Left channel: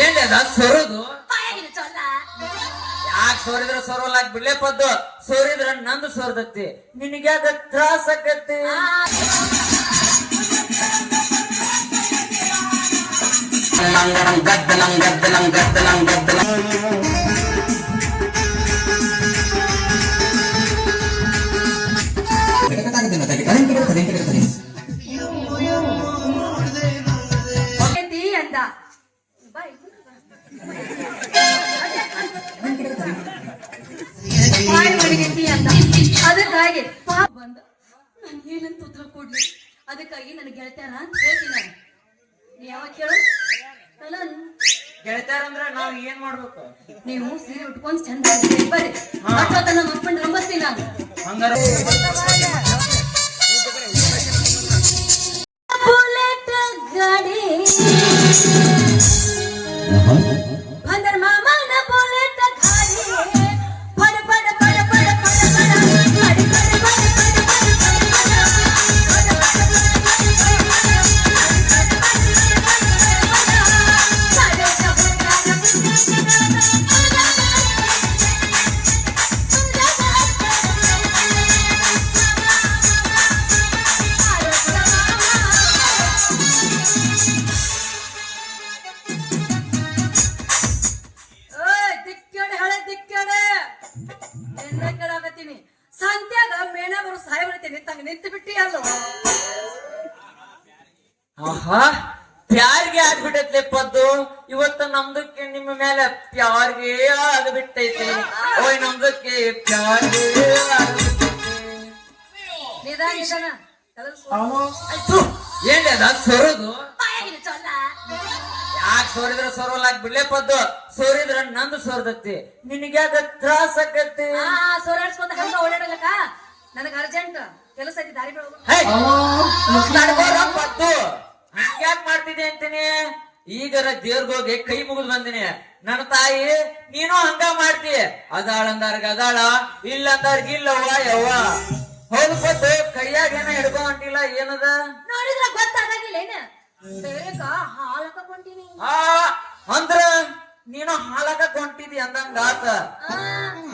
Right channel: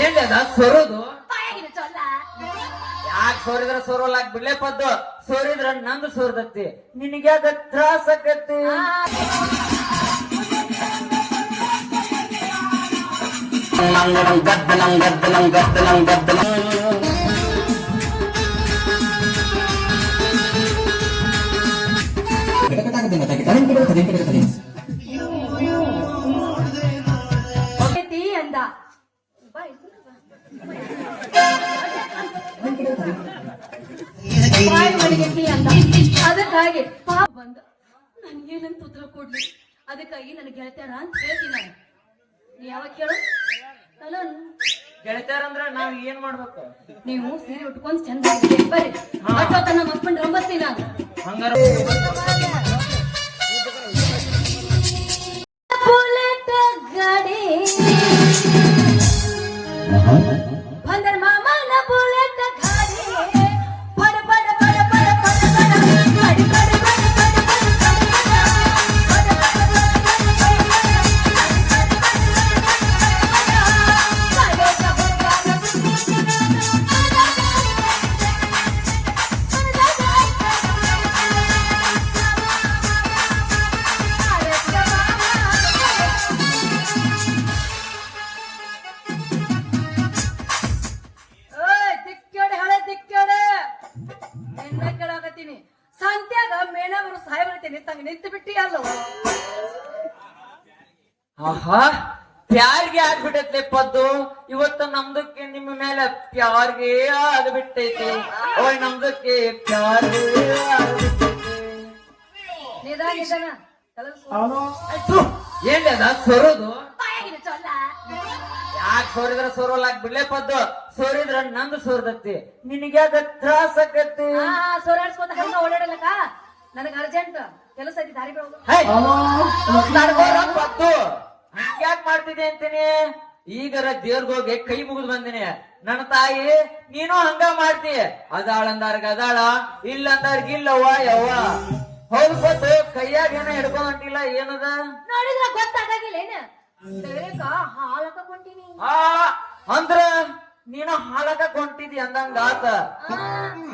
ಏನ್ ಸೋರೋದು ಯಾಕೆ ಸೋರಿದ್ರ ಸೋರೋಲಾಕ್ ಬಿಡ್ಲೇ ಪದ್ದು ಸೋರಿದ್ರ ನಂದು ಸೋರ್ದತ್ತಿ ನಿನಗೆ ಅದ ತ್ರಾಸ ಆಕತಿ ಅದಕ್ಕಾಗಿ ಬಂದ ನನ್ ಏನಂತ ಉತ್ತರ ಕೊಡ್ಲಿ ಅದಕ್ಕಾಗಿ ನನಗೆ ಗೆಳತ್ಯಾರ ಅಂತ ಹೇಳ್ತೀನಿ ನೀ ಯಾವಾಗ ಕೇಳು ಗೆಳತ್ಯಾರ ಅಂದ್ರ ನಾವ್ ಏನ್ ಮಾಡ್ಬೇಕು ನೀವು ಸೀರೆ ಉಟ್ಕೊಂಡ್ ಚಂದ ಬರ್ರಿ ಅಷ್ಟೊತ್ತ ನಮ್ಮ ಅಪ್ಪನ ರಂಬಸ್ತೀನಿ ನಾನು ಹಂಗಾರೆ ಬುಲೆಟ್ ಗಾಡಿ ಬಂದರ್ ಮಾಮನ ಬುಲೆಟ್ ಗಾಡಿ ಬಡ ಬಡ ಬಡ ಬಡ ಬಡ ಬಡ ಬಡ ಸಂತ್ಯಾಗ ಮೇಣವರು ಸಾಯಬರ್ತೀನಿ ತಂಗ ನಿಂತು ಬಿಟ್ಟಿ ಅಲ್ಲೋ ಆಹಾ ಪ್ಯಾರ್ಗೆ ಆಗ್ಬಿಟ್ಟೈತೆ ಪದ್ದು ಇವತ್ತ ನಮ್ದಕ್ಕೆ ನಿಮ್ಮ ಮೇಲೆ ಪ್ಯಾರ್ಗೆ ಆಗ್ಬಿಟ್ಟೈತಿ ಓಯ್ ನಮ್ದಕ್ಕೆ ಪ್ಯಾರ್ಗೆ ನಿಧಾನ ಏನ್ ಸೋರೋದು ಯಾಕೆ ಸೋರಿದ್ರ ಸೋರೋಲಾಕ್ ಬಿಡ್ಲೇ ಪದ್ದು ಸೋರಿದ್ರ ನಂದು ಸೋರ್ದತ್ತಿ ನಿನಗೆ ಅದ ತ್ರಾಸ ಆಕತಿ ಸೋರಾಡ್ಸ್ಕೊಂತ ಹಂಗ ಓಡಾಡಲಕ್ಕ ನನಗ ಅರ್ಜೆಂಟ್ ಕೆಲಸ ಐತಿ ದಾರಿ ಪದ್ದು ಹಂಗ್ಯಾಕ್ ಮಾಡ್ತಿದ್ದೆ ಅಂತೀನಿ ಈಗರ ದೇವ್ರಿಗೆ ಹೋಗಿ ಕೈ ಮುಗಿದು ಬಂದಿನಿ ನನ್ನ ತಾಯಿ ನೀನು ಹಂಗ ಮಾಡ್ತಿ ಅದಾಳಂದಾರ್ಗ ಅದಾಳ ಇಲ್ಲಂದಾರ್ಗ ಇಲ್ಲವ್ವ ಯವ್ವ ಹೌದು ಪದ್ದು ಕೈಯಾಗ ಏನ ಹಿಡ್ಕೊಂಡ್ ಹೊಂಟಿಲ್ಲ ಏನದ ನೋಡಿದ್ರ ಗೊತ್ತಾಗಿಲ್ಲ ಏನ ಹಾಲಕ ಕೊಂಟಿನಿ ಅಂದ್ರ ನೀನು ಹಾಲಕ ಕೊಂಟಿದಿ ಅಂದಂಗ ಆತ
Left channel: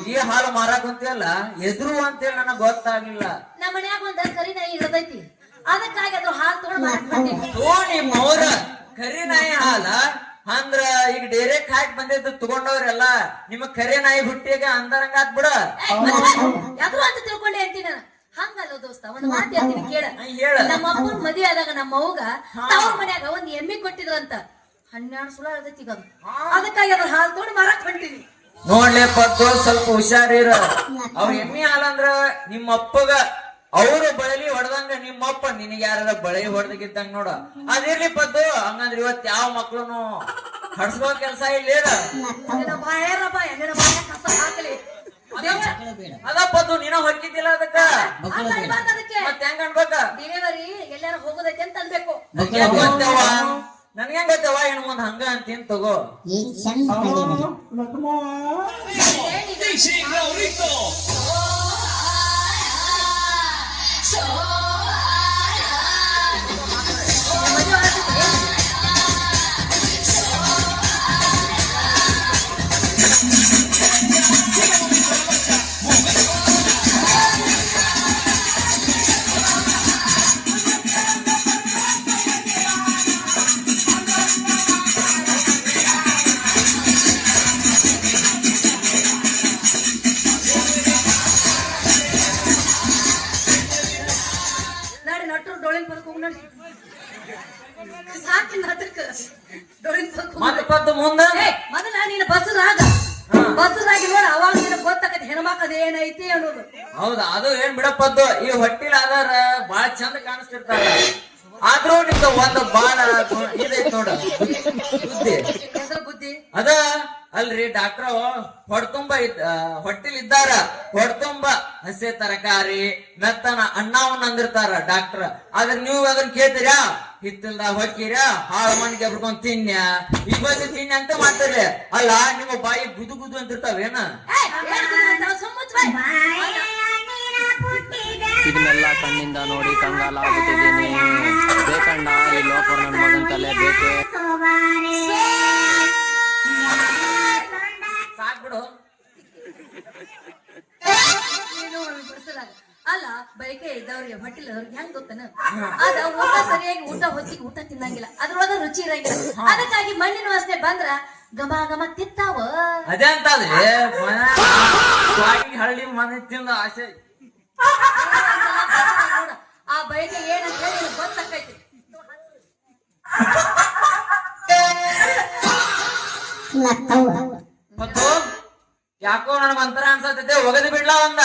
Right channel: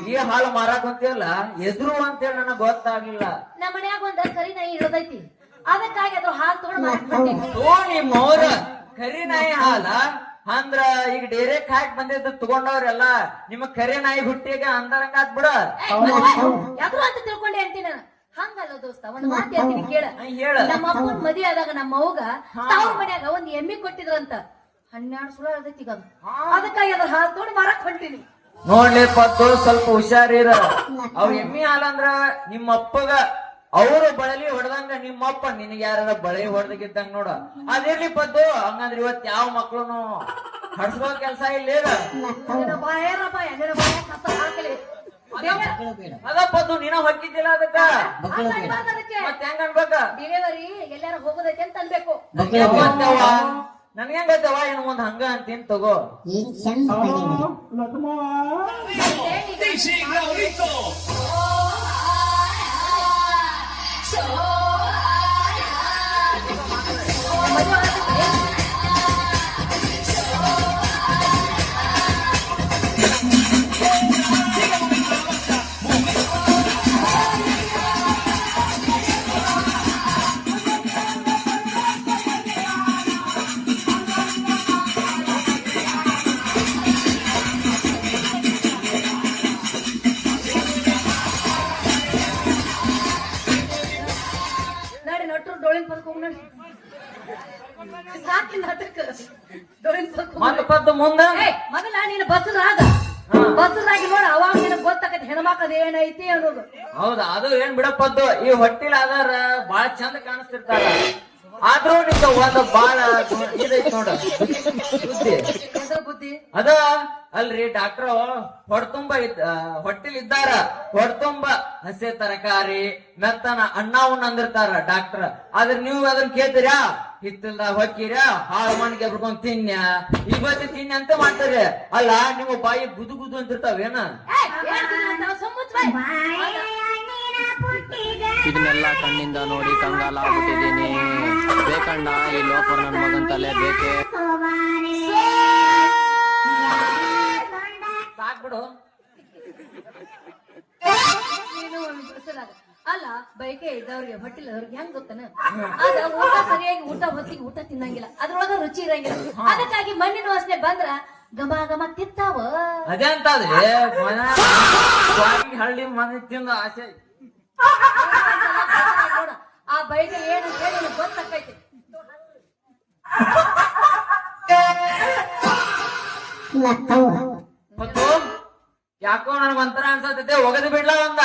ಈ ಹಾಲು ಮಾರಾಕ್ ಹೊಂತಿಯಲ್ಲ ಎದುರು ಅಂತೇಳಿ ನನಗ್ ಗೊತ್ತಾಗ್ಲಿಲ್ಲ ನಮ್ಮ ಮನ್ಯಾಗ ಒಂದ ಕರಿ ನಾಯಿ ಇರದೈತಿ ಅದಕ್ಕಾಗಿ ಅದು ಹಾಲು ತಗೊಂಡ್ ನಿಮ್ಮವ್ರ ಕರಿ ನಾಯಿ ಹಾಲ ಅಂದ್ರ ಈಗ ಡೈರೆಕ್ಟ್ ಹಾಕಿ ಬಂದಿದ್ದು ತಗೊಂಡವ್ರೆಲ್ಲ ನಿಮ್ಮ ಕರಿ ನಾಯಿ ಹುಟ್ಟಿಗ ಅಂದಂಗ ಆತ್ ಬಿಡ ಯಾದ್ರು ಅಂತ ತಿಳ್ಕೊಂಡೆ ಅಂತೀನಿ ಹಂಗಲ್ಲ ದೋಸ್ತ ಒಂದ್ ಮಾತು ಹೇಳ್ತೀನಿ ಕೇಳ ನಮ್ಮ ಅಪ್ಪನ ಮದಿ ಆದಾಗ ನಮ್ಮ ಅವ್ಗ ತವ್ರ ಮನ್ಯಾಗ ಒಂದ್ ಎಮ್ಮಿ ಕೊಟ್ಟಿದ್ರಂತ 12 ಸುಳ ಅದಕ್ಕೆ ಅದಕ್ಕಾಗಿ ಅದ್ರ ಹಾಲು ತಗೊಂಡು ಮಾರಕ್ ಹೊಂಟೀನಿ ನೋಡ್ಲಿ ಪದ್ದು ಸ್ವಲ್ಪ ಹುಷಾರಿರ ಅವ್ ಎಮ್ಮಿ ಹಾಲಂದ್ರ ನಿಮ್ಮ ಅಪ್ಪಗ ಅವರು ಬಳಲಿ ಹೊಡೆದಂಗ ನಿಮ್ಮಪ್ಪ ನಿನಗೆ ಯಾರ ಬಳಿ ಹೊಡೆದಕ್ಕಿದ್ದಂಗ ನೋಡ ಅದಿರ್ಲಿ ಪದ್ದು ಹಂಗಂದ್ರ ಇವತ್ ಯಾವ ಮಕ್ಳುನು ಹಡ್ಸ್ಕೋ ಕೆಲ್ಸ ಇಲ್ಲ ಅದ ಪದ್ದು ನೀನ ಹೊಕ್ಕಿದ್ದಿಲ್ಲ ಅದಕ್ಕ ಮತ್ತೆ ಹೆಂಗ ಅನ್ಬೇಕ ಡಿಲಿವರಿ ಎಲ್ಲಾರು ಹೋಗೋದೈತೆ ಅಂತ ಅನ್ಬೇಕು ನನ್ಗೆ ಗೊತ್ತವ ಇನ್ ಮುಂದ್ ಹಂಗ ಅಂತೇನ್ ತಗೋ ಮೊದಲ ನೀನು ಬಸ್ಸದಾಗ ನೋಡ ಅವಾಗ ನಿನಗೆ ಗೊತ್ತಾಗತ್ತೆ ಹೆಣ್ಮಕ್ಕದ ಏನೈತಿ ಅನ್ನೋದು ಹೌದಾ ಅದು ಏನ್ ಬಿಡಪ್ಪದ್ದು ಈ ಹೊಟ್ಟಿಲ್ ಆಧಾರ ಬಾಳ ಚಂದ ಕಾಣಿಸ್ತಿರ್ತಾರ ಆದ್ರೂ ನಿಮ್ದ ಒಂದ್ ಬಾಳ ಇದೈತಿ ನೋಡ ಬುದ್ಧಿ ಅದ ಅಲ್ರಿ ಡಾಕ್ಟ್ರು ಹೊಡ್ತುಂಬ ಹೊಟ್ಟಿಲ್ ಇದ್ದಾರ ಹೊಡ್ತುಂಬ ಹಸೆ ತರಕಾರಿ ಮೆತ್ತನ ಅಣ್ಣವನ್ನ ಅಂದಿರ್ತಾರ ಡಾಕ್ಟರ್ ಆದ್ರೆ ನೀವು ಅದನ್ನ ಕೇಳ್ತೀರಾ ಹಿತ್ತಲ್ದಾಗ ಹೊಕ್ಕಿರ ಹಾಳು ಮಣ್ಣಿಗೆ ಎಬ್ಕೊಂಡ್ ತಿನ್ಯ ಇವತ್ತು ತಿನ್ಯ ಅಂತ ಮಾಡ್ತೀರಿ ಅಲ್ಲ ನಿಮ್ಮ ಬಾಯಿ ಗುದು ಗುದು ಅಂತಿರ್ತಾವೇನ ಇದನ್ನೆಲ್ಲ ಕಣ್ಣಿಂದ ನೋಡಿ ಕಂಗಾಲಾಗ್ಬಿಟ್ಟಿದ್ದೀನಿ. ಬೇಕಣ್ಣ ಈ ಲೋಪರ್ ನನ್ನ ಮಗನ್ ತಲೆ ಬೇಕೆ. ಸಾಕ್ಬಿಡು. ಅಲ್ಲ ಬೈಕೆ ಇದ್ದವ್ರಿಗೆ ಹೊಟ್ಟಿಲ್ಲ ಅವ್ರಿಗೆ ಹೆಂಗ್ ಗೊತ್ತನ ಅದ ಊಟ ಸರಿಯಾಗಿ ಹೊತ್ತಿಗೆ ಊಟ ತಿನ್ನಂಗಿಲ್ಲ ಅದ್ರೊಳಗ ರುಚಿ ಇರಂಗಿಲ್ಲ. ಅದಕ್ಕಾಗಿ ಮಣ್ಣಿನ ವಾಸನೆ ಬಂದ್ರ ಗಮ ಗಮ ತಿಂತಾವ. ಅದೇ ಅಂತ ಹಳ್ಳಿ ಮನೆ ತಿಂದ ಆಸೆ. ಆ ಬೈಕೆ ಏನಂತ ಹೇಳಿ ಗೊತ್ತಾಕೈತಿ. ಮತ್ತು ಯಾಕೋ ನನಗ ಒಂಥರ ಅನ್ಸತೈತೆ, ಒಗದು ಬಿಡ್ಲಾ ಒಂದ.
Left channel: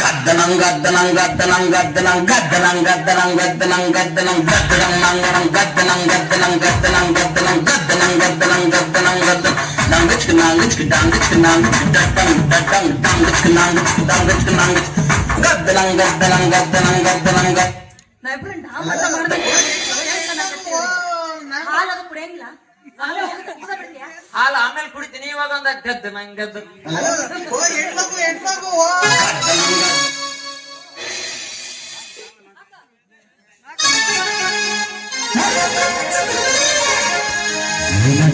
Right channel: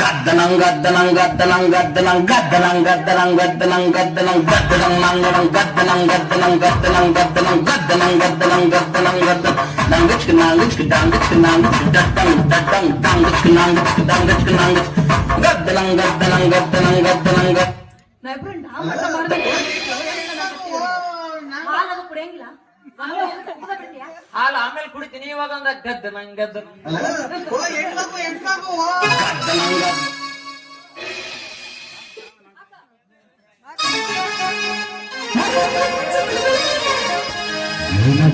ಗದ್ದನಂ ಗದ್ದನಂ ಗದ್ದನಂ ಗದ್ದನಂ ಗದ್ದನಂ ಗದ್ದನಂ ಗದ್ದನಂ ಗದ್ದನಂ ಗದ್ದನಂ ನಂಗನಂ ಗದ್ದನಂ ಗದ್ದನಂ ಗದ್ದನಂ ಗದ್ದನಂ ಗದ್ದನಂ ಗದ್ದನಂ ಗದ್ದನಂ ಗದ್ದನಂ ನಂಗಚ್ಕ ನಂಗಚ್ಕ ಡಂಗಚ್ಕ ನಂಗಚ್ಕ ಡಟ್ಟಂ ಡಟ್ಟಂ ಡಂಗಚ್ಕ ನಂಗಚ್ಕ ಡಂಗಚ್ಕ ನಂಗಚ್ಕ ಗದ್ದನಂ ಗದ್ದನಂ ಗದ್ದನಂ ಗದ್ದನಂ ಗದ್ದನಂ. ನಾ ಇಬ್ರು ನಾಮತ ಮಾಡ್ಬೇಕು. ಹಾಲದು ಕುಡಿಯಂಗಿಲ್ಲ. ಹಾಲು ಆಮೇಲೆ ಕುಡಿತೀನಿ, ಇವಾಗ ಒಂದ ಗದ್ದ ನಂಗ್ ಗದ್ದ.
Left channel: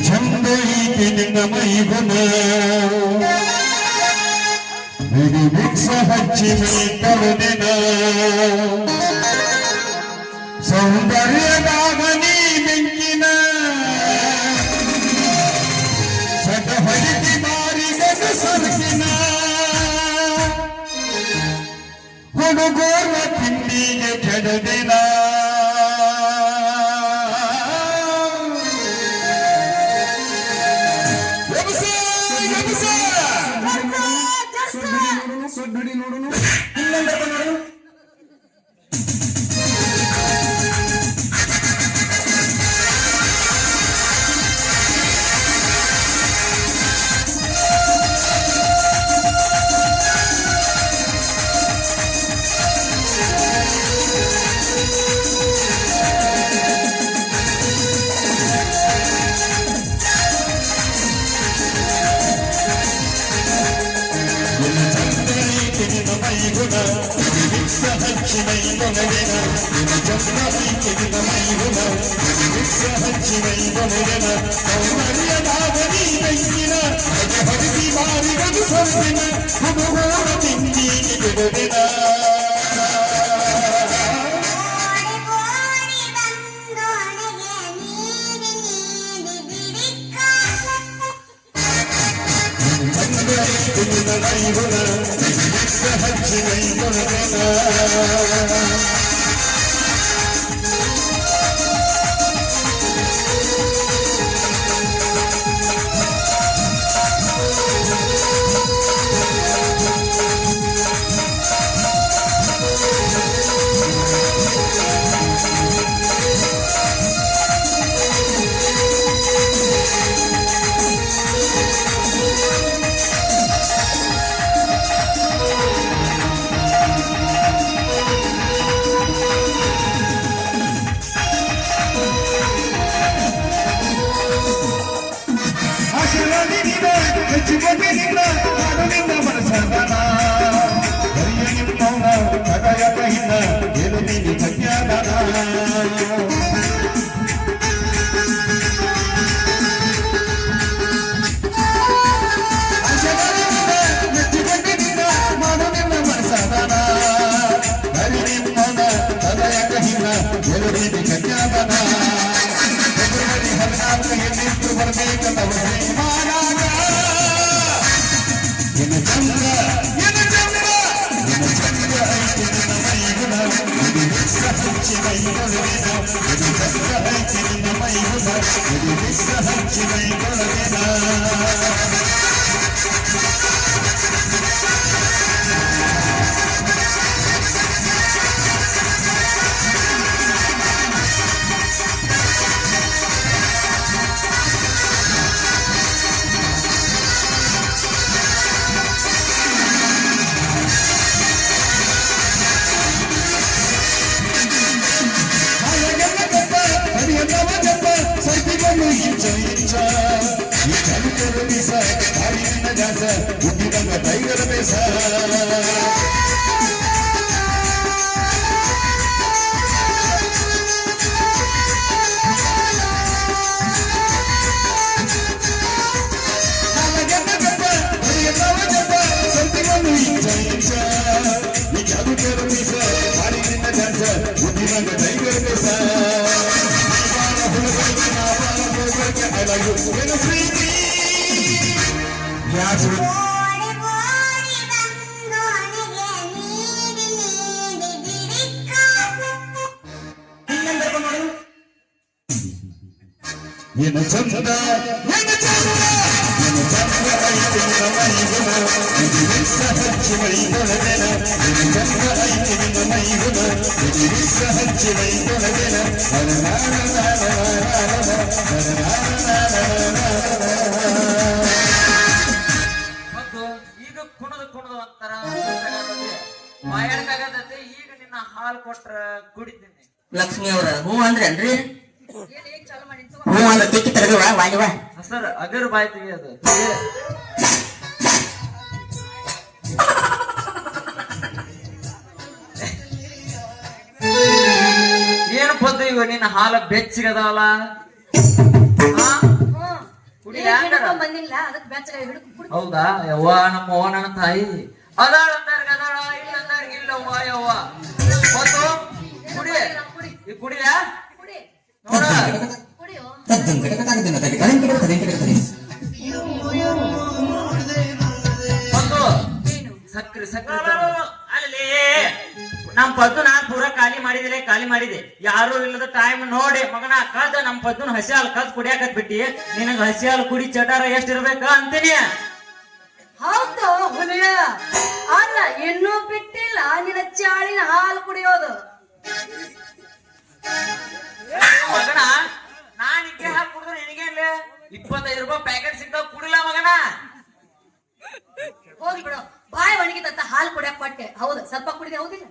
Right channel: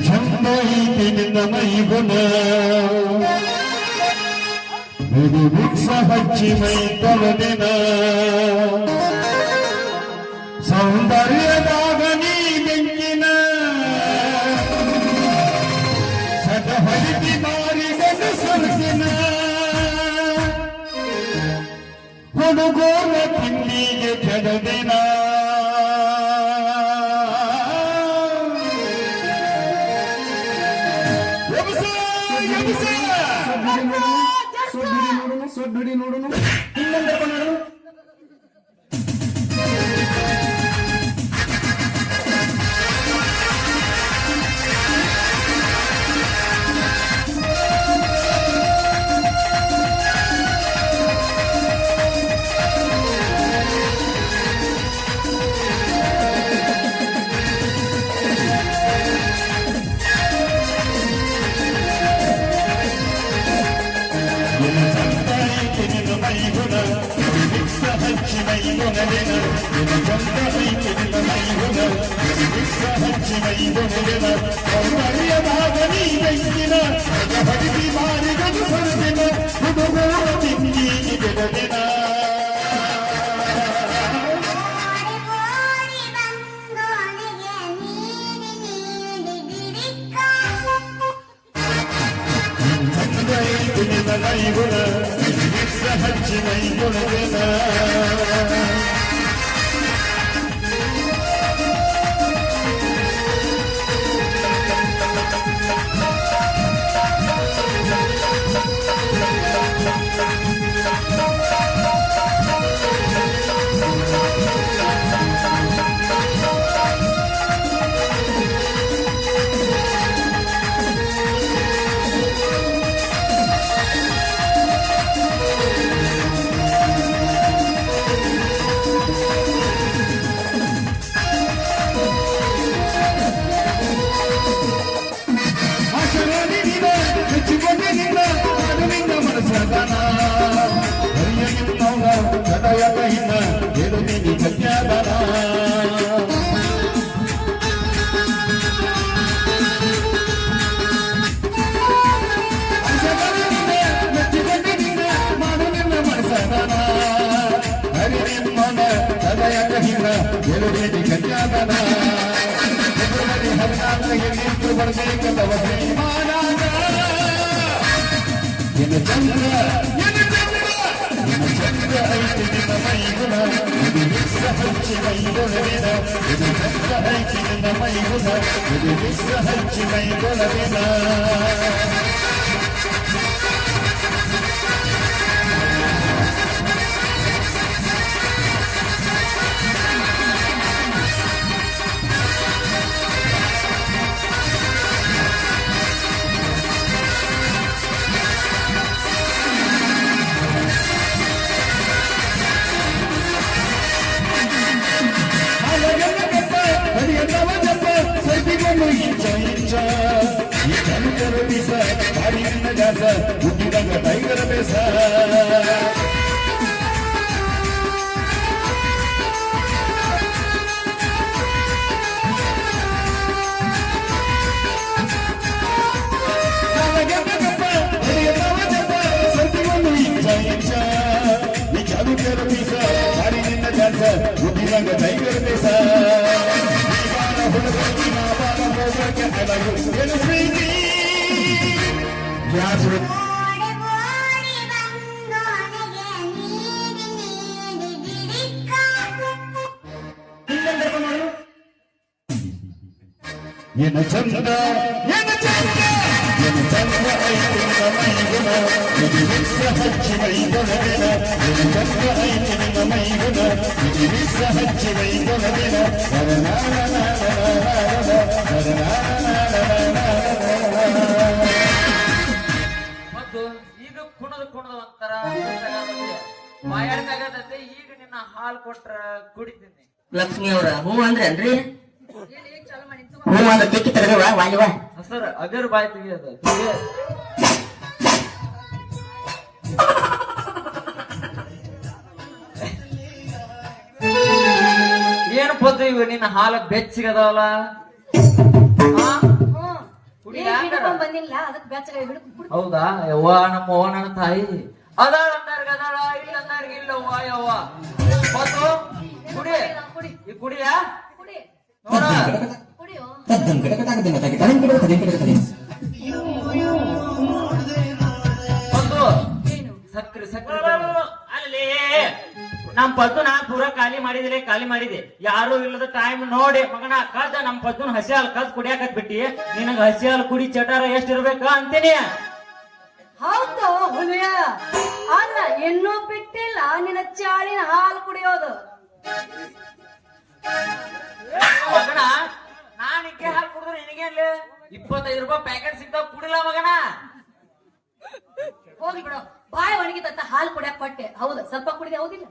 ಚಂದ ಐತಿ ನಿನ್ನ ಮೈಗುಣ ಮಿಕ್ಸ ಹಚ್ಚಿ ಮೈ ತವದಿನ ಸೌಂದರ್ಯದಾಗ ನೀ ಬೆಂಕಿನ ಸಟ ಹರಿತಿ ಮಾರಿಗದು ಸೊರಸಿನ ಹುಡುಗೂರ ತಿಂಡಿಗೆ ಕೆಡದಿನ ಬಿಡಿ ನೋಡೋಣ ಇನ್ನೊಂದು ರಂಗ ಟೈಗರ್ ಮಿಸ ಹುಡುಗರಿಗೆ ನಾವಾಲ ಹೋಗಕ್ಕೆ ನೆಲಗು ಏನು ಪ್ರೀತಿ ಯಾರು ಏನು ಚಂದ ಏನು ಚಂದ ಏನು ಚಂದ ಐತಿ ನಿನ್ನ ಮೈಗುಣ ಬಿಡಿಸ ಹಚ್ಚಿ ಮೈಗೊಳಗೆನ ಏನು ಚಂದ ಐತಿ ನಿನ್ನ ಮೈಗುಣ ಬಿಡಿಸ ಹಚ್ಚಿ ಮೈಗೊಳಗೆನ ಮತ್ತು ಈಗ ಕುಣದ ಒಂಥರ ಮಾಯಾಡಕಾಗತ್ತೆ. ಈಗ ನಿನ್ನ ಹಾಲು ಕೊಟ್ರ ಕುಡಿತೀನಿ. ಲಕ್ಷ್ಮಿ ಅವರ ಹೂ ಅಂದ್ರೇನ್ರಿ? ಏನ್ ಹೇಗ್ ಚಾಲು ಮಾಡಿ ಹೂ ಅಂದ್ರೆ ತೆಕ್ಕಿ ತರಗವ ವಾಲಿವ ಸರ್ ಅಗರ್ ಬಾಯ್ ತೆಗಿಯೋದು ಏನು ಪದ್ದು ಇವ ನಿನ್ನ ಹಾಲ ಬೆಚ್ಚಗದವಲ್ಲ ಬಂದಿಲ್ಲ ಅದಕ್ಕೆ ಬೆಚ್ಚಗ ಹಿಡಿದು ಹೌದಾ? ಯವ್ವ ನಮ್ಮ ನನ್ನ ತಾಯಿ ಅದಾಳ ಅಂದಾರ್ಗ ಅದಾಳ ಇಲ್ಲ ಅಂದಾರ್ಗ ಇಲ್ಲವ್ವ ಯವ್ವ ಪದ್ದು ಕುಡಿ ಈ ಕುಡಿಯ ಕುಡಿ ನೋಡ ಕುಡಿಯೋ ಪದ್ದು ಸಕ್ರೆ ಸಕ್ರೆ ಅಲ್ಲಿ ನಮ್ ಪದ್ದುನ ಪೂರ ಖಾಲಿ ಮಾಡಿದೆ ಯಾರು ಇಲ್ಲದ ಟೈಮ್ ನೋಡಿ ಮಗನ ಕದ್ ನಮ್ ಪದ್ದುನ ಹಸಿ ಹಾಲು ಕದ್ ಕುಡಿಯಾಕತ್ ಬಿಟ್ಟಿ ನಿನಗ ಹಸಿ ಹಾಲು ಕುಡಿ ಚಟಾರ ಎಷ್ಟ್ ಇರ್ಬೇಕ ಅಂತೀನಿ. ಹೌದು ಹುಲಿಯ ಅಲ್ಲ ಇನ್ನೂ ಬಿಟ್ಟಿಲ್ಲ ನಿನ್ನ ಚಾಳಿನ ಹಾಲು ಕುಡಿಯೋದು. ಮಗನ ನಾನ್ ಇಕ್ಕೆ ಹಾಕಿ ಕುಡಿದ್ರೆ ನಿನಗೇನ್ಲೆ 25 ರೂಪಾಯಿ ಪ್ಯಾಕೆಟ್ ಸಿಗ್ತಾವ ಕುಡಿಲ್ಲ ಮಗನ. ಹೋಗಿ ಬಿಡು ಬಾಯಿ ಒಣಗಿತ ಹಾಲು ಕುಡಿಯಕ್ ಕೊಟ್ಟೆ ಹೌದು ಸ್ವಲ್ಪ ಕುಡಿದೆ ಹೌದಿಲ್ಲ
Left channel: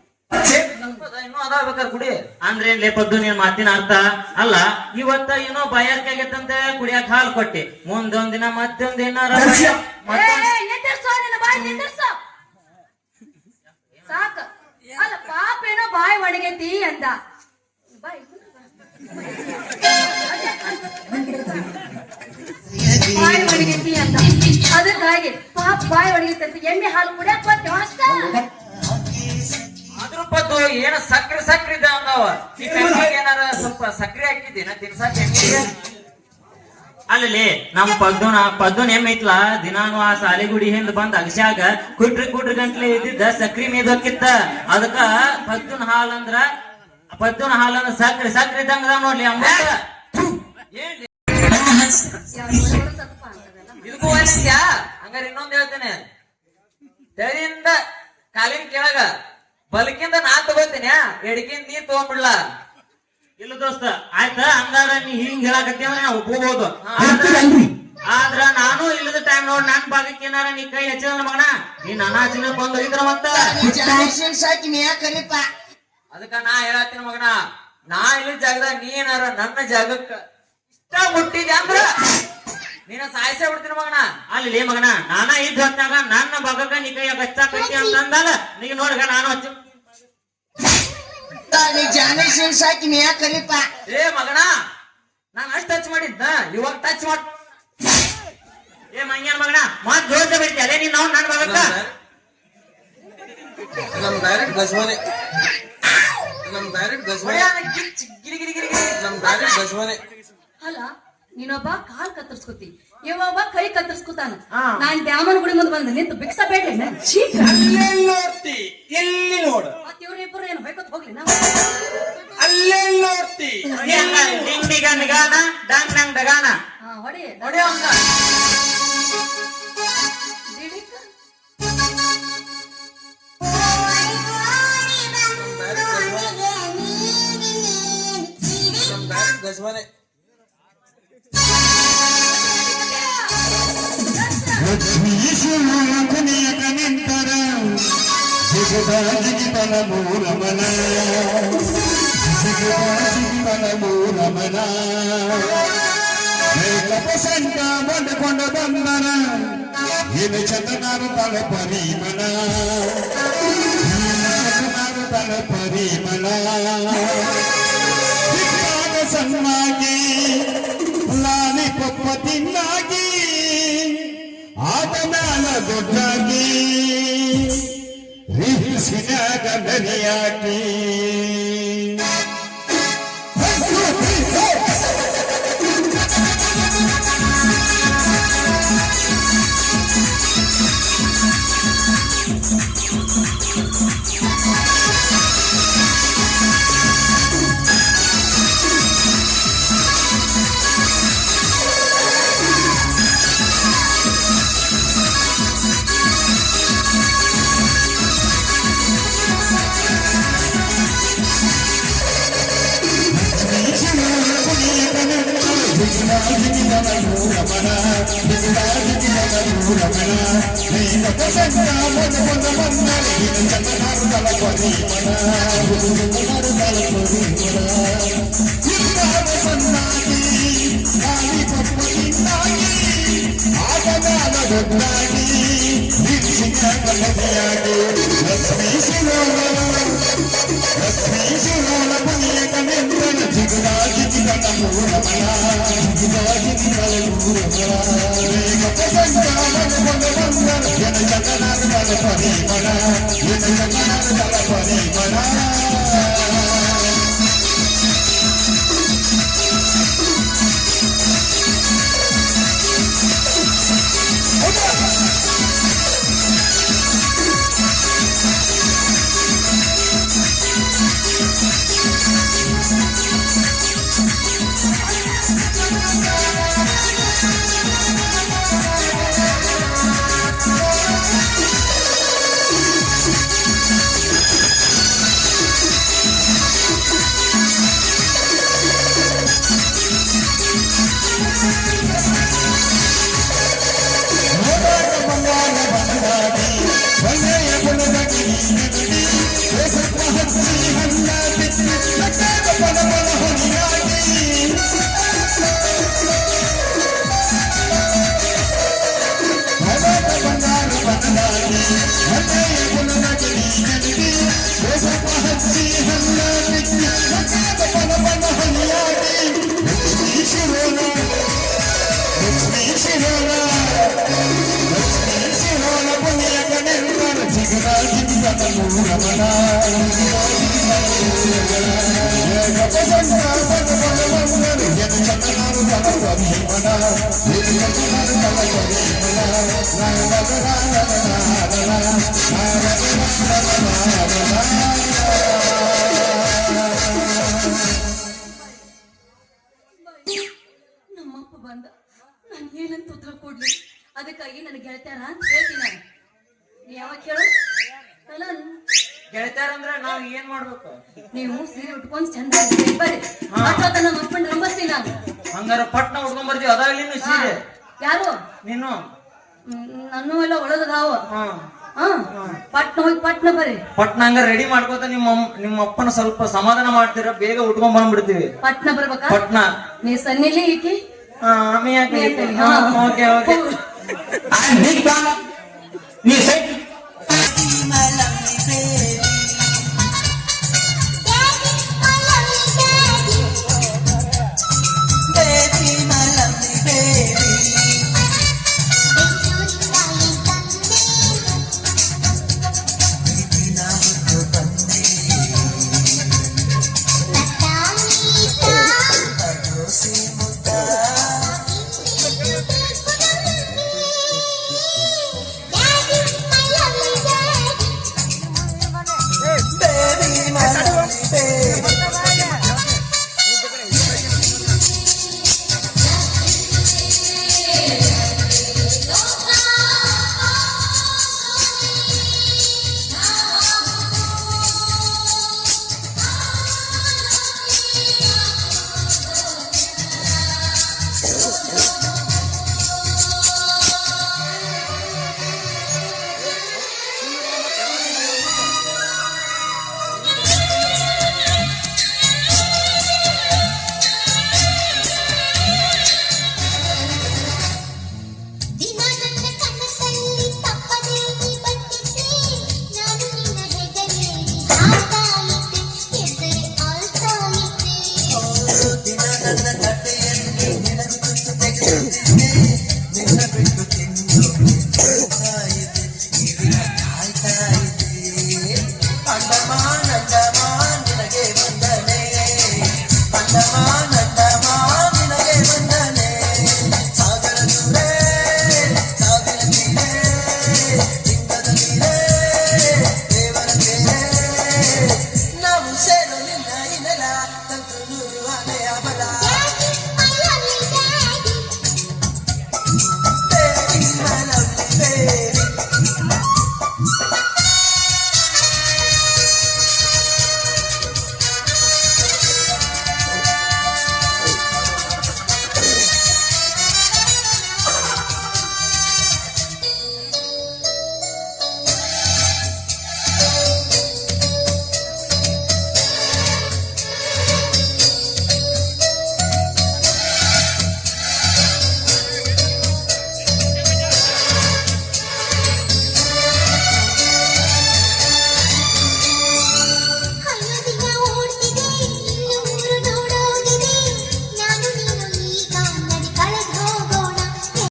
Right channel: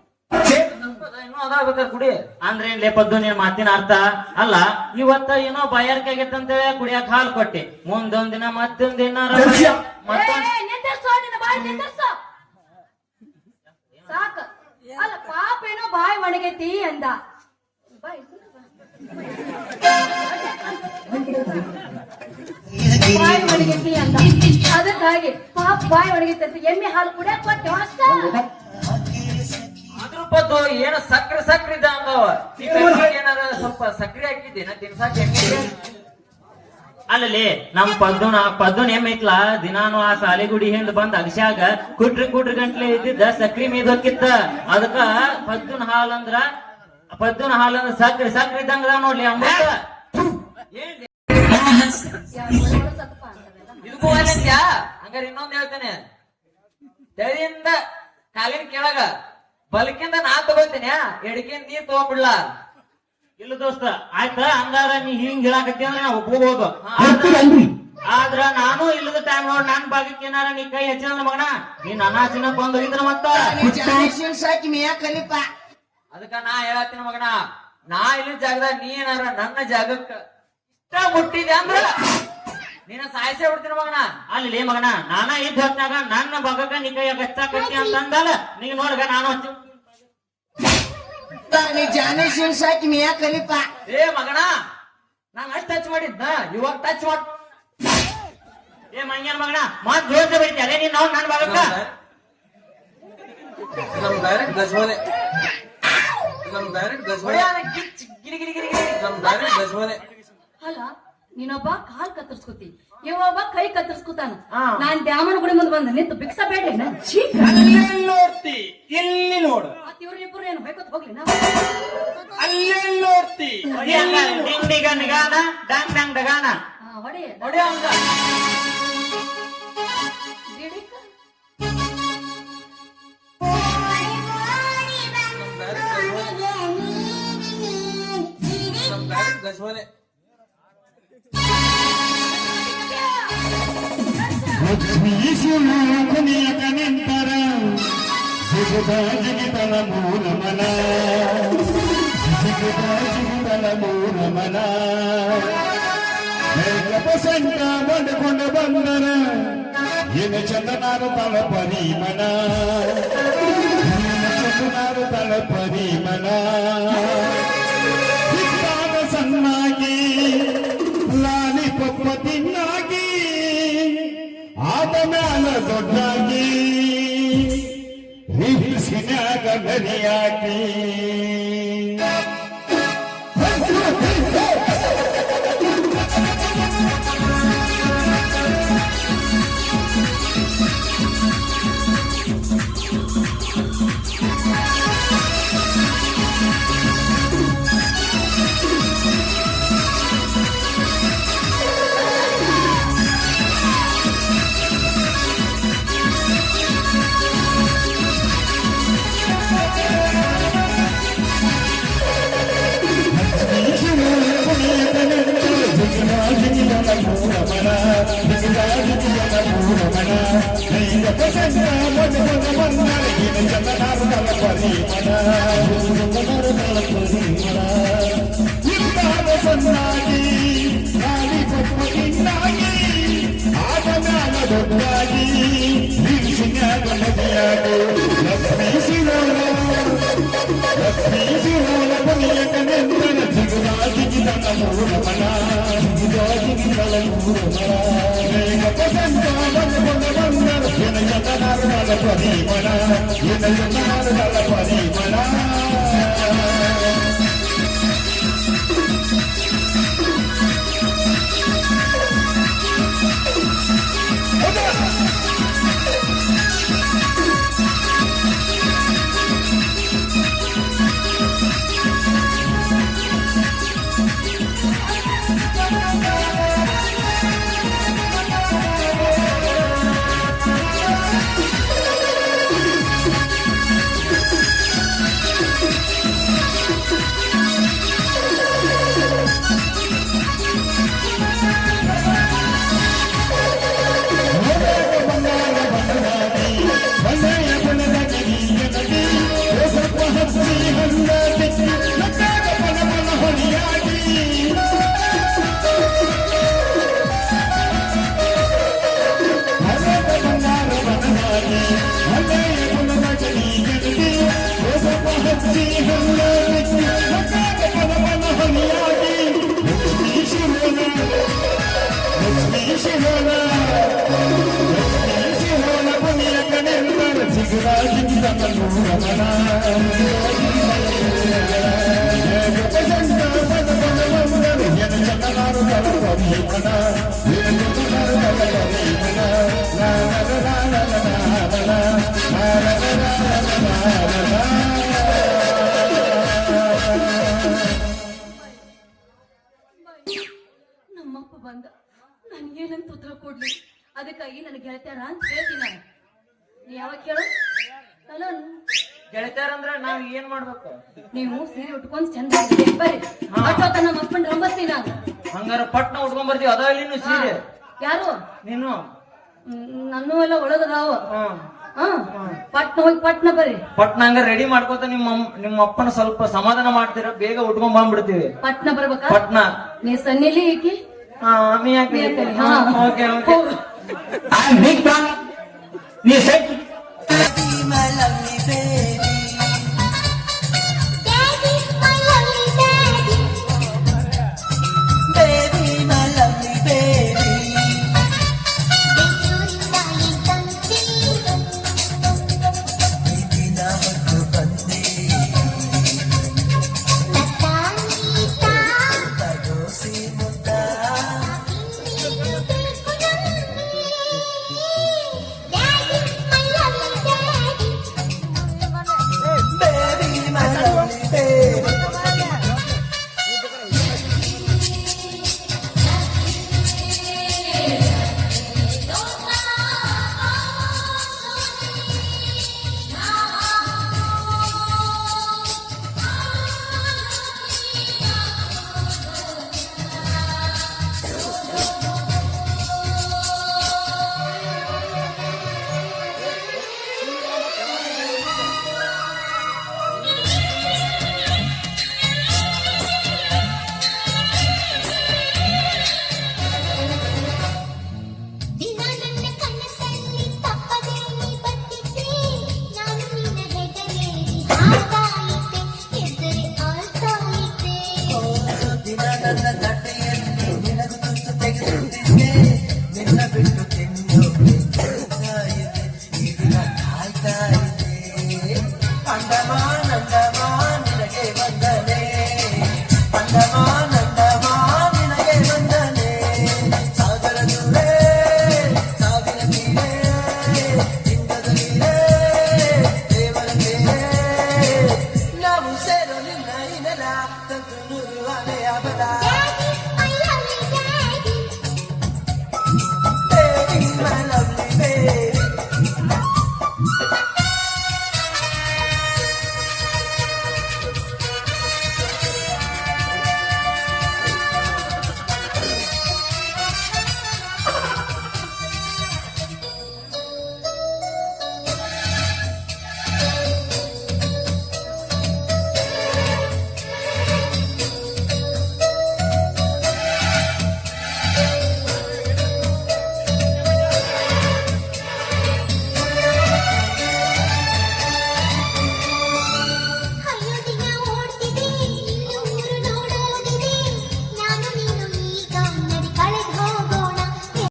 ಇನ್ನೂ ಅದಾಗ್ಬೇಕಾರೆ ಕುಡಿ ಅಂದ್ರೆ ಲೇ ಪದ್ದು ನೀನ್ ಮಾತಿನ ಅರ್ಥ ಅಲ್ಲ. ಇವತ್ತ ಏನೋ ಬಾಯಾರಿಕೆ ಆಗೈತಂತ ಕುಡಿಯಾಕ ಹಾಲು ಕೊಟ್ಟಿ ಮುಂದೊಂದ್ ದಿನ ಮತ್ತೊಂದ್ ಏನಾರ ನಿಂದಿರ್ಸೋ ನಿನ್ನ ಬಾಯಿ ನಿಂದಿರ್ಸೋ ಸಾಕ. ಅಲ್ಲ ಪಾಪ ಏನೋ ಬಾಯಿ ಒಣಗೈತಿ ಅಂದ ಬಾಯಿ ಬಾಯಿ ಒಣಗೈತಿ ಅಂತ ಅದಕ್ಕಾಗಿ ಪಾಪ ಬಾಯಿ ಒಣಗೈತಿ ಅಂತ ಎಮ್ಮೆ ಹಾಲು ಕುಡಿಯಕ್ ಕೊಟ್ಟೆ ಅಷ್ಟ. ಅದ್ರ ಪದ್ದು ಏನ ಸಕ್ರೆ ಇದ್ದ ಅಂದವ ಈ ಕೈಯಾಗ ಏನಾರ ಸ್ವಲ್ಪ ಸಕ್ರೆ ಹಾಕಿದ್ದೀನ ತಿನ್ಸಾಕ ಅಲ್ಲಿ ನಮ್ ಪದ್ದುನ ಏಮೈತ್ಲ ದಿನಾನು ಆ ಸಾಲಿಗುಡಿ ಹಿಂದ್ ಬಂದ್ ಅಗಸ್ಯಾಗ ಕುಟ್ರಿ ಗಂಟ್ಲೆ ಇದ್ದಿದ್ದ ಸಕ್ರಿ ಮೇದಕ್ಕಿತ್ತ ಅದಕ್ಕ ಪದ್ದುನ ಹಾಲಂದ್ರ ಸಕ್ರೆ ಇದ್ದಂಗ ನೋಡ್ಲಿ ಅಮೃತ ಏನ್ ಸ್ವಲ್ಪ ಅಂತದಲ್ಲ ಇದಕ್ಕೂ ಏನಂತ್ಯಾ? ಹಂಗಾರೆ ಇನ್ನೊಂದ್ ಹೇಳ್ತೇನೆ, ತಳಿಯಿಂದ ಕಾಲಿನ ಕೆಳಗ ಬಲಕಿಂದ ನಾ ತಗೋತೀನಿ, ಎಡಕಿಂದ ನೀ ತಗೊಂಡ್ಬಿಡ್ಲ. ಇಲ್ಲ ದೋಸ್ತ ಆಯ್ತ ಹಂಗಾರ ನೀ ಹಿಂಗ್ ಹೇಳಕತ್ತಿ ಅಂದ್ರೆ ನಾ ಒಪ್ಕೋಬಹುದು. ಆದ್ರ ನಾನು ಇಲ್ಲದ ಟೈಮ್ ನೋಡಿ ನನ್ ಭಾಗಕ್ಕೆ ಏನಾರ ನೀ ಕೈ ಹಚ್ಚಿದ್ರ ಮಗನ ನೀನ್ ಅನಾಚಿನ ಬಂದ್ ಹೋಗಿದ್ರ ಮತ್ತ ಅದಕ್ಕ ನಾ ಹೇಳತ್ತೀನಿ ಮಗನ, ನಾ ಇಲ್ಲಿನ ಜಾಗದಾಗ ನೀ ಏನಾರ ನನ್ನ ಜಾಗಕ್ಕ ಇಷ್ಟ ಮುಟ್ಟಿದೆ ಅಂದ್ರ ನೀನ ಸಾಯಿಸೇ ಬಿಡ್ತೀನಿ ಮಗನ. ಅಲ್ಲಿ ಮಗನ ನಾನ ಇದ್ದ ಹೊತ್ತಾಗ ನನ್ನ ಭಾಗಕ್ಕ ನೀ ಕೈ ಹಚ್ಚಾಕತ್ತಿ ಅಂತಂದಾಗ ನೀ ನೋಡ್ಗ ನಾನು ಹಚ್ಚಿ ಏ ಮಗನ, ನಾನ್ ಅಷ್ಟ್ ಟಚ್ ಮಾಡಿದ್ನ, ಇವಾಗ ಟಚ್ ಮಾಡ್. ಏ ಮಂಗ್ಯಾನ ಮಗನ ಮತ್ ಜೋರ್ಸ ಬಿಡ್ತೀಯ ನೀನ್ ನಾವು ನನ್ನ ಭಾಗಕ್ಕ ಅಲ್ಲ ನೀನೊಬ್ಬ ಕಾಲ್ ಕತ್ತರಿಸ್ಕೊತಿ, ಇವೊಬ್ಬ ಕೈ ಕತ್ತರಿಸ್ಕೊತಾನ. ನಾನ್ ದ್ಯಾಮನ ಗುಡಿ ಮುಂದೆ ಬಂದ ನಿಂತು ಭಿಕ್ಷ ಬೇಡ್ಲಿ ನೋಡ್ತಿ ಎಲ್ಲಿ ನೋಡು, ಮತ್ ಇವ್ರಿಬ್ರು ಏನ್ ಹೊಯ್ಕೊತ್ ಹೋಗ್ಲಿ ನಾ ಅಲ್ಲೇ ನೋಡ್ತಿ ಎಲ್ಲ ಡಿಂಗ್ ಡಿಗ ನಿಗಾನ ಡಂಗ್ ಡಂಗ್ ಡಗಾನ ಹೊಡಿ ಹೊಡಿಯೋ ಹಂಗ. ಜಿಡಿಕ ಕೊನೆಯ ನಿಂತರ ಜಿಗಿತನ ಮೂಲಮನ ಪಸಂಟ ಬಂದಕೊಂಡ ಬಂದನ ಏನು ಚಂದನಾರು ತಳ ಪರಿಮನ ಚಂದನಾರು ತಳ ಪರಿಮನ ಸಣ್ಣಾಗಿ ಲಾಲಿ ಕೊಪ್ಪ ತಿನ್ನಾಗಿ ಆದ ಮ್ಯಾಲ ದೊಡ್ಡಾಗಿ ರಿಹಿಸಿನಾಗ ಬಲಿಯಾಗಿ ಮೂರಮನ ಮೂರಮನ ನೀನ ಪಸಂಗ ಮನ ಮನ ಮನ್ನರಿಗಿನ ಜನನಾರ್ದಲ ಪರಿಮಳ ಇಲ್ಲಾದ ಸನ್ನಾಗಿ ಗಾಳಿ ಪಪ್ಪನಿಂದಾಗಿ ಆಗನಾದ ದುಡ್ಡಾಗಿ ನಿಲ್ಸಿನ್ಯಾಗ ನದಿಯಾಗಿ ಲಕ್ಷ್ಮೀ ಶಿವನ ಮನೆಯ ನೆಂದನ ಜಿಗುರಾಜಿಗಿದ ಮೂರಮಳ ಜಿಗುರಾಜಿಗಿದ ಮೂರಮಳ ನೀನ ಪಸಂಗ ಮನ ಮನ ಮನ್ನರ ಜನನಾರ್ದಲ ಪರಿಮಳ ಜನನಾರ್ದಲ ಪರಿಮಳ ನಮ್ಮಪ್ಪ ಬಂದ ನಾನು ಏನಂತ ಉತ್ತರ ಕೊಡ್ಲಿ ಅದಕ್ಕಾಗಿ ನನಗೆ ಗೆಳತ್ಯಾರ ಅಂತ ಹೇಳ್ತೀನಿ ನೀ ಯಾವಾಗ ಕೇಳು ಅಲ್ಲ ಗೆಳತ್ಯಾರಂದ್ರ ನಾವ್ ಏನ್ ಮಾಡ್ಬೇಕು? ನೀವು ಸೀರೆ ಉಟ್ಕೊಂಡ್ ಚಂದ ಬರ್ರಿ ಅಷ್ಟೊತ್ತ ನಮ್ಮ ಅಪ್ಪನ ರಂಬಸ್ತೀನಿ ನಾನು ಹಂಗಾರ ಪಟ್ನ ಉಟ್ಕೊಂಡ್ ಬರ್ತೀವಿ ಅದ ಇಲ್ಲಿ ಸೀರೆ ಯಾರು ನೀನು ನನ್ನೂ ಎಲ್ಲ ಒಳಗದಾವ ಹ್ಮ್ ಪಟ್ನ ಹೋಗಿ ಪಟ್ನ ಬರ್ರಿ ಪಟ್ನ ಹಂಗ ರೆಡಿ ಮಾಡ್ಕೋತ ನಿಮ್ಮ ಅಪ್ಪನ ಸ್ವಲ್ಪ ಸಮಾಧಾನ ಮಾಡ್ತೀರ, ಬೇಗ ಉಟ್ಕೊಂಡ್ ಬಂದ್ಬಿಡ್ತೀವಿ. ಪಟ್ನ ಬರ್ಬೇಕಾ? ಪಟ್ನ ನೀ ಸನ್ನಿಲಿ ಈಕಿ ಓಕೆ ಓಕೆ ನೀ ಸೆಟ್